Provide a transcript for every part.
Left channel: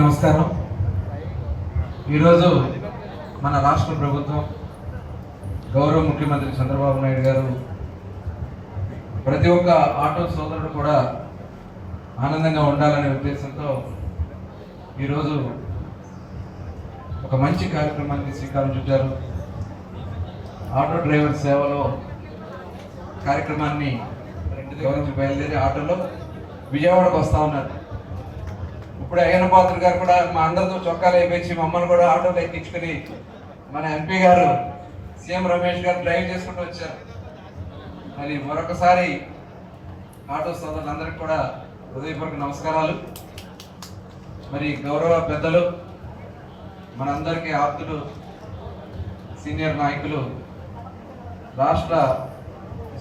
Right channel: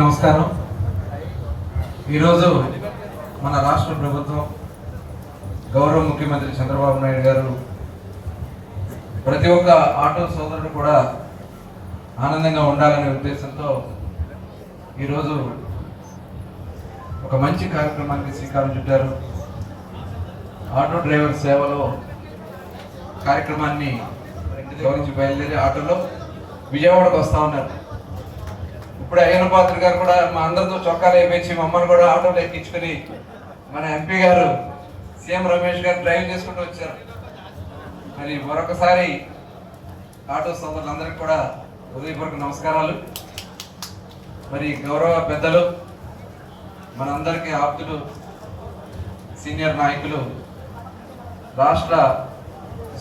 నమస్కారం. ఈరోజు మన రాష్ట్ర ప్రభుత్వం గౌరవ ముఖ్యమంత్రి చంద్రబాబు నాయుడు గారు ప్రతి ఒక్క ఆటో సోదరుడు కూడా ఆనందంగా ఉండాలనే ఉద్దేశంతో ఈరోజు ఒక మంచి కార్యక్రమానికి శ్రీకారం చుట్టారు. ఆటో డ్రైవర్ సేవలో కార్యక్రమాన్ని గౌరవించి బయలుదేరి ఆటోలో విజయవాడకు వస్తా ఉన్నారు. ఇప్పుడు అయిన పాత్ర గారు కూడా మా అందరితో చొక్కాలు అయిపోయి మమ్మల్ని కూడా ఆటోలు ఎక్కించుకుని మన ఎంపీ గారు సీఎం రమేష్ గారు డ్రైవ్ చేసుకుంటూ వచ్చారు. మరి మరొకసారి ఆటో సోదరులందరికీ కూడా హృదయపూర్వక నమస్కారాలు. మరి గౌరవ పెద్దలు మనందరికీ ఆప్తులు సీనియర్ నాయకులు రాష్ట్ర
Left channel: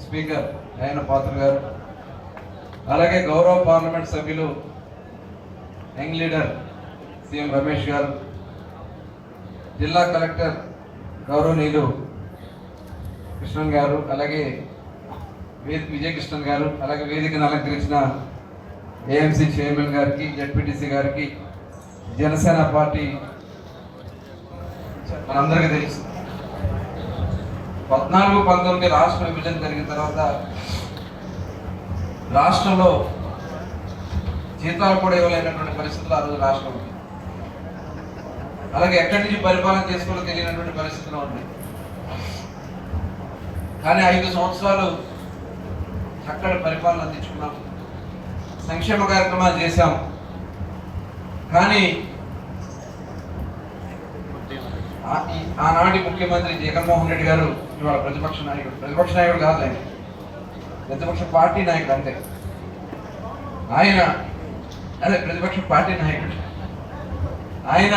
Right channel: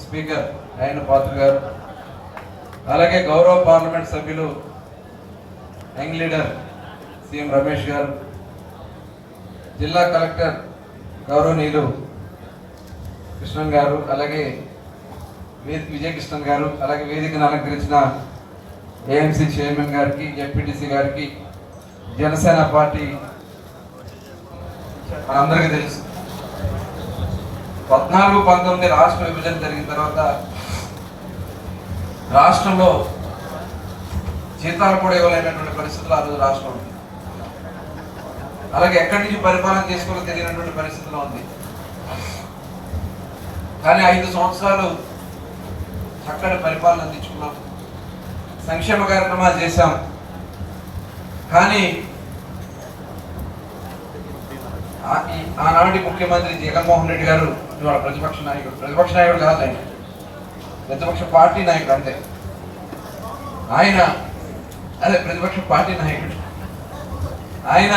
స్పీకర్ అయిన పాత్ర గారు అలాగే గౌరవ పార్లమెంట్ సభ్యులు యంగ్ లీడర్ సీఎం రమేష్ గారు జిల్లా కలెక్టర్ గౌరవనీయులు కృష్ణన్ గారు అలాగే విజయకృష్ణన్ గారు అలాగే వేదికను అలంకరించిన ఏఎంసీ చైర్మన్ గారికి జెడ్పీటీసీ గారికి జనసేన పార్టీ అందరికీ తెలుసు. పద్నాలుగు పంతొమ్మిది రాష్ట్ర విభజన జరిగిన తర్వాత రాష్ట్రంలో జీతాలు కూడా ఇవ్వలేనటువంటి పరిస్థితులు ఆ రోజు రాష్ట్రంలో ఉంది అలాగే ఎక్కడి నుంచి పరిపాలన తీసుకోవాలో తెలియనటువంటి పరిస్థితుల్లో ఉంది కానీ ఐదు సంవత్సరాలు చక్కటి పరిపాలన అందించుకున్నాం. సంక్షేమ కార్యక్రమాలు చేశాం. కానీ ఆ- ఆనాటి ముఖ్యమంత్రి జగన్మోహన్ రెడ్డి గారు ఇవాళ ప్రతిపక్ష నాయకుడు ప్రతిపక్ష నాయకుడు కాదు ప్రతిపక్ష పార్టీ నాయకుడు అంతే. ఆయన అదే ప్రతిపక్ష పార్టీ నాయకుడు. ఆయన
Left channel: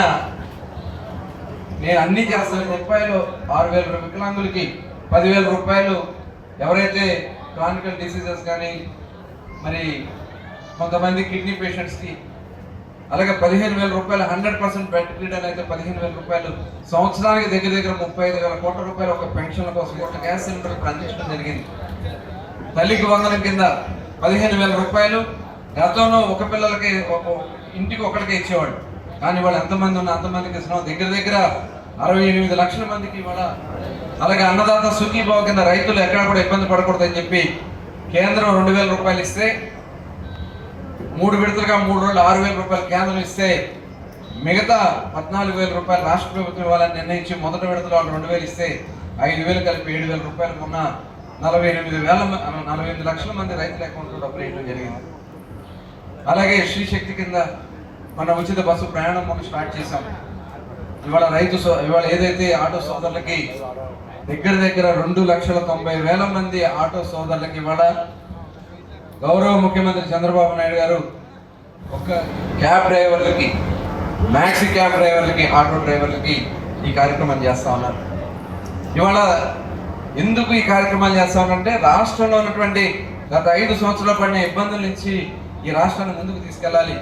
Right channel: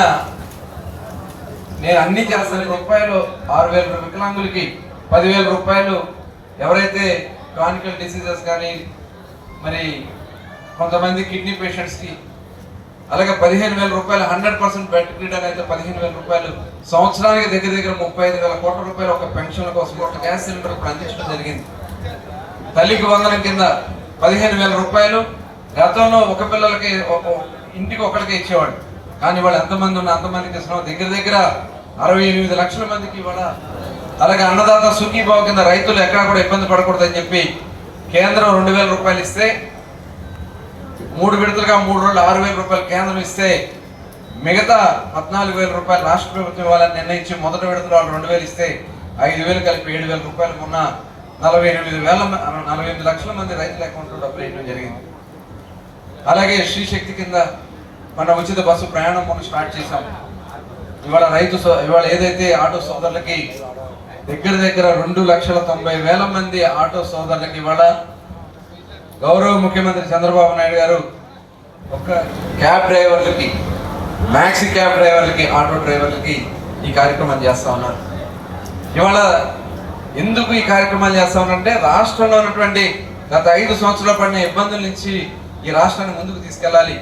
నేను అన్ని చేస్తాను. రూపాయలు ఆరు వేల వికలాంగులకి పదివేల రూపాయలు. ఎవరైతే క్రానికల్ డిసీజెస్ కానీ మరి కొంతమంది కిడ్నీ పేషెంట్స్కి అలాగే పదిహేను వేల రూపాయలు హండ్రెడ్ పర్సెంట్ బెడ్ రీడర్ అయితే పదిహేను వేల రూపాయలు. సంవత్సరానికి దగ్గర దగ్గర ముప్పై ఐదు వేల కోట్ల రూపాయలు ఒక పెన్షన్ కోసం ఒక గ్యాస్ సిలిండర్ ఇప్పుడు అందించడం జరిగింది. తల్లికి వందనం కింద పదిహేను వేల రూపాయలు. గతంలో ఒక పిల్లలకి ఒక- ఇంటికి ఒకరికి ఇచ్చేవాడు కానీ వాళ్ళు ఎంతమంది ఉన్న అంతమందికి ఇస్తున్నాం. దగ్గర దగ్గర అరవై ఎనిమిది లక్షల మందికి ఇవాళ అలాగే అన్నదాత సుఖీభావ కింద రైతులు ఎక్కడ కూడా ఇబ్బంది పడకూడదని చెప్పి కేంద్రం రెండు వేల రూపాయలు ఇస్తే మూడు విడతలుగా మూడు రోజులు ఆరు వేల రూపాయలు కేంద్రం ఇస్తే మిగతా పద్నాలుగు వేల రూపాయలు రాష్ట్ర ప్రభుత్వం ఇవ్వాలని నిర్ణయించి మొదటి విడతలో వాళ్ళు రెండు వేలు ఇస్తే ఐదు వేలు కలిపి ఏడు వేల రూపాయలు ఉన్న నలభై ఎనిమిది వేల నలభై ఎనిమిది లక్షల మంది రైతుల అకౌంట్లో డబ్బులు వేయడం జరిగింది. అలాగే శ్రీశక్తి కింద మన ఉచిత బస్సు ప్రయాణం మనం స్టార్ట్ చేసాం ఇవాళ రైతు సో- ఇవాళ ఏదైతే ఆటో సోదరులకి దగ్గర దగ్గర రెండు లక్షల తొంభై వేల మంది ఆటో సోదరులకి ఇవాళ గౌరవ ముఖ్యమంత్రి చంద్రబాబు నాయుడు గారు ఒక క్యాబ్ డ్రైవర్లకి మ్యాక్సీ క్యాబ్ డ్రైవర్లకి ఆటో డ్రైవర్లకి ఈ కార్యక్రమం చేస్తా ఉన్నారు. ఇవాళ ఎందుకు ఈ కార్యక్రమాన్ని చేస్తా ఉన్నారంటే రాష్ట్రంలో ఉన్నటువంటి గత ఐదు సంవత్సరాల పడిన ఇబ్బందుల నుంచి ఈ రాష్ట్రాన్ని ముందుకు తీసుకెళ్ళాలి.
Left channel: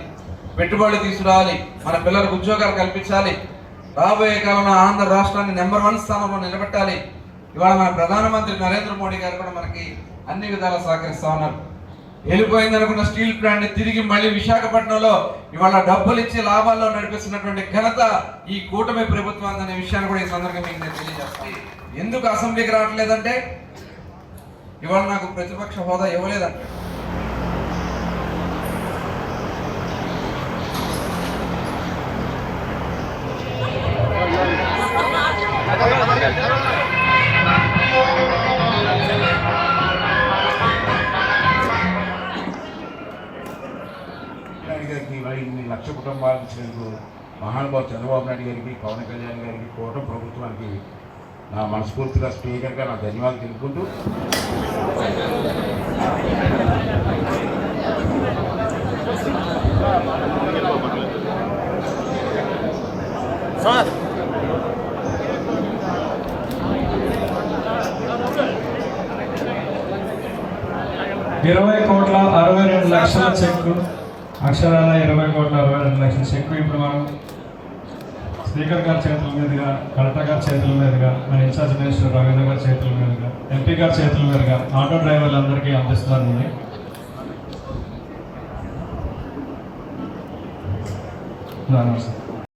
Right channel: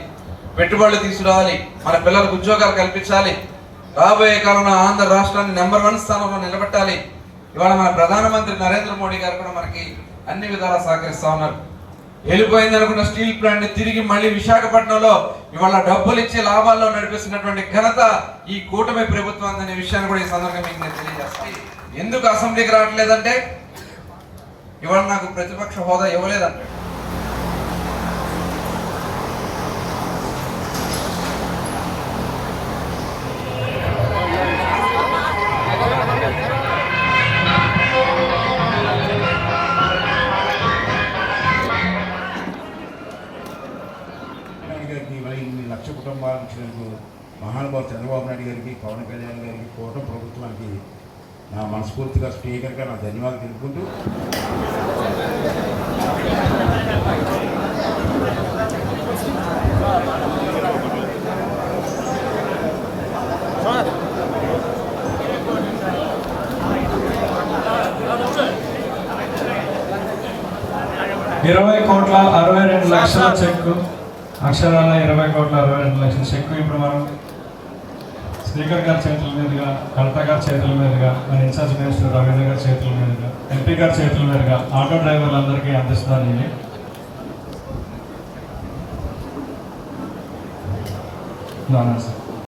పెట్టుబడులు తీసుకురావాలి. మన పిల్లలకు ఉద్యోగాలు కల్పించాలి. రాబోయే కాలంలో ఆంధ్ర రాష్ట్రాన్ని నెంబర్ వన్ స్థానంలో నిలబెట్టాలి. ఇవాళ మన ప్రధానమంత్రి నరేంద్ర మోడీ గారు కూడా మనకి అన్ని విధాలా సహకరిస్తా ఉన్నారు. వెళ్ళిపోయింది అనుకున్న స్టీల్ ప్లాంట్ తిరిగి మళ్ళీ విశాఖపట్నంలో ఇవాళ డబ్బులు ఇచ్చి లాభాల్లో నడిపిస్తున్నటువంటి ఘనత ఈ కూటమి ప్రభుత్వం అనే విషయాన్ని కూడా ఈ సందర్భంగా మీకు నేను తెలియజేస్తాను ఎందుకు అసెంబ్లీకి రావట్లేదంటే ఇవాళ నాకు ప్రతిపక్ష హోదా ఇవ్వలేదంటే. లక్ష కుటుంబాలు ఇచ్చినందుకు మహానుభావు చంద్రబాబు నాయుడు గారికి పవన్ కళ్యాణ్ గారికి కూటమి ప్రభుత్వానికి నా మనస్ఫూర్తిగా స్పీకర్గా నా ధన్యవాదాలు తెలుపుకుంటూ ఇరవై కోట్ల అరవై రెండు లక్షల చెక్ అక్షరాల ఇరవై కోట్ల అరవై రెండు లక్షల చెక్ ఇప్పుడు మనం స్పీకర్ గారి చేతుల మీదుగా కలెక్టర్ గారి చేతుల మీదుగా మన ఇన్ఛార్జ్ మినిస్టర్ రవీంద్ర గారి చేతుల మీదుగా ఎంపీ గారి చేతుల మీదుగా ఆటో డ్రైవర్లందరికీ అందరికీ ఉన్నాను సార్